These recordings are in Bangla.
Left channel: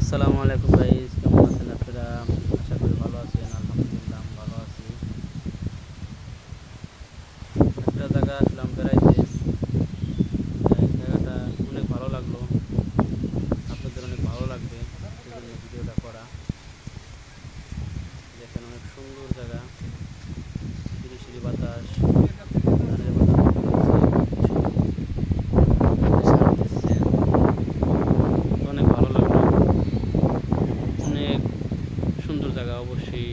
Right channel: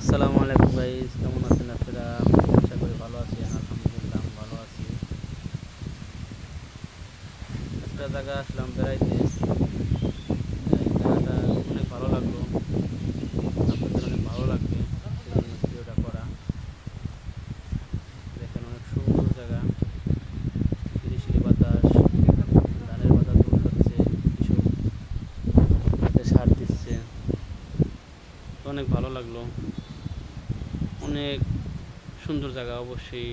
আসসালামু আলাইকুম গাইস, কেমন আছেন আপনারা? আশা করি ভালো আছেন। আলহামদুলিল্লাহ আমি ভালো আছি। একটা জায়গা আসলাম বেড়াইতে, জায়গাটা অনেক ভালো লাগলো, আপনাদের অনেক ভালো লাগবে, সেজন্য ভিডিওটা করা। দেখেন অনেক সুন্দর জায়গা, সিঁড়ি সিঁড়ি বাতাস, ধানের বাতাস হচ্ছে, কৃষক সার দিচ্ছে, তো অনেক ভালো লাগলো। অনেক সুন্দর জায়গা, অবশ্যই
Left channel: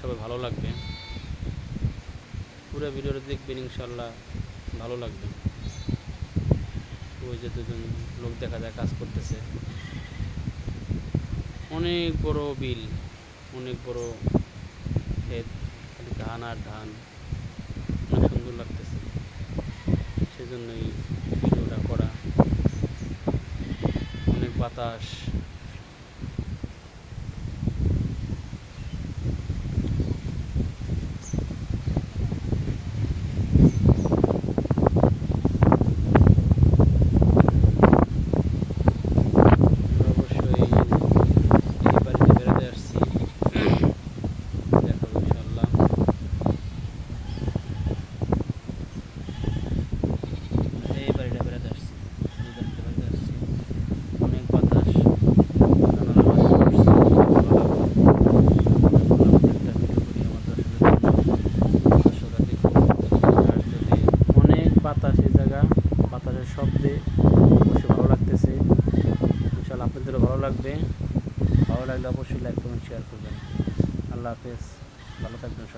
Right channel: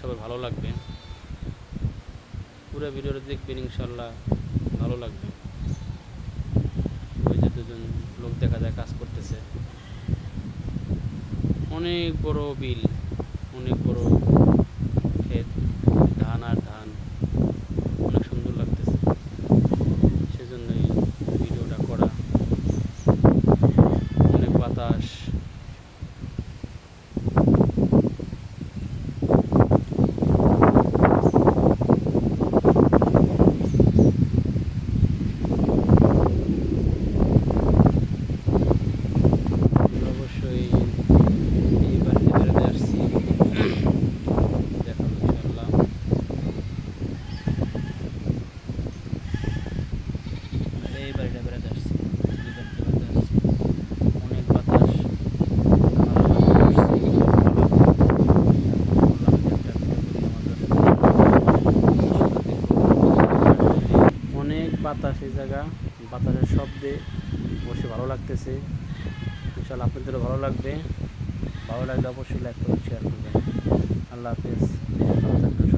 সবাই ভালো লাগবে। পুরো ভিডিওটা দেখবেন, ইনশাল্লাহ ভালো লাগবে। ওই যে দুজন লোক দেখা যায় কাজ করতেছে, অনেক বড় বিল, অনেক বড় ক্ষেত, ধান আর ধান, অনেক সুন্দর লাগতেছে, সেজন্যই ভিডিওটা করা। অনেক বাতাস, অবশ্যই এই বাড়িতে বেড়াতে আসছি, দেখাবো ইনশাল্লাহ। এই বাড়িটা বেড়াতে আসছি, এই বাড়িতে বেড়াতে আসছি, অনেক বাতাস, জানালার পাশে বসছি, ভালো বললাম যে একটা ভিডিও করি আমার দর্শকরা দেখুন। আর যদি অনেক বাতাস, এই জায়গা বাতাসের শব্দে অবশ্যই ভালো লাগতেছে, ইনশাল্লাহ আপনাদেরও ভালো লাগবে। ভালো লাগলে অবশ্যই লাইক করবেন, শেয়ার করবেন। আল্লাহ হাফেজ, ভালো থাকবেন।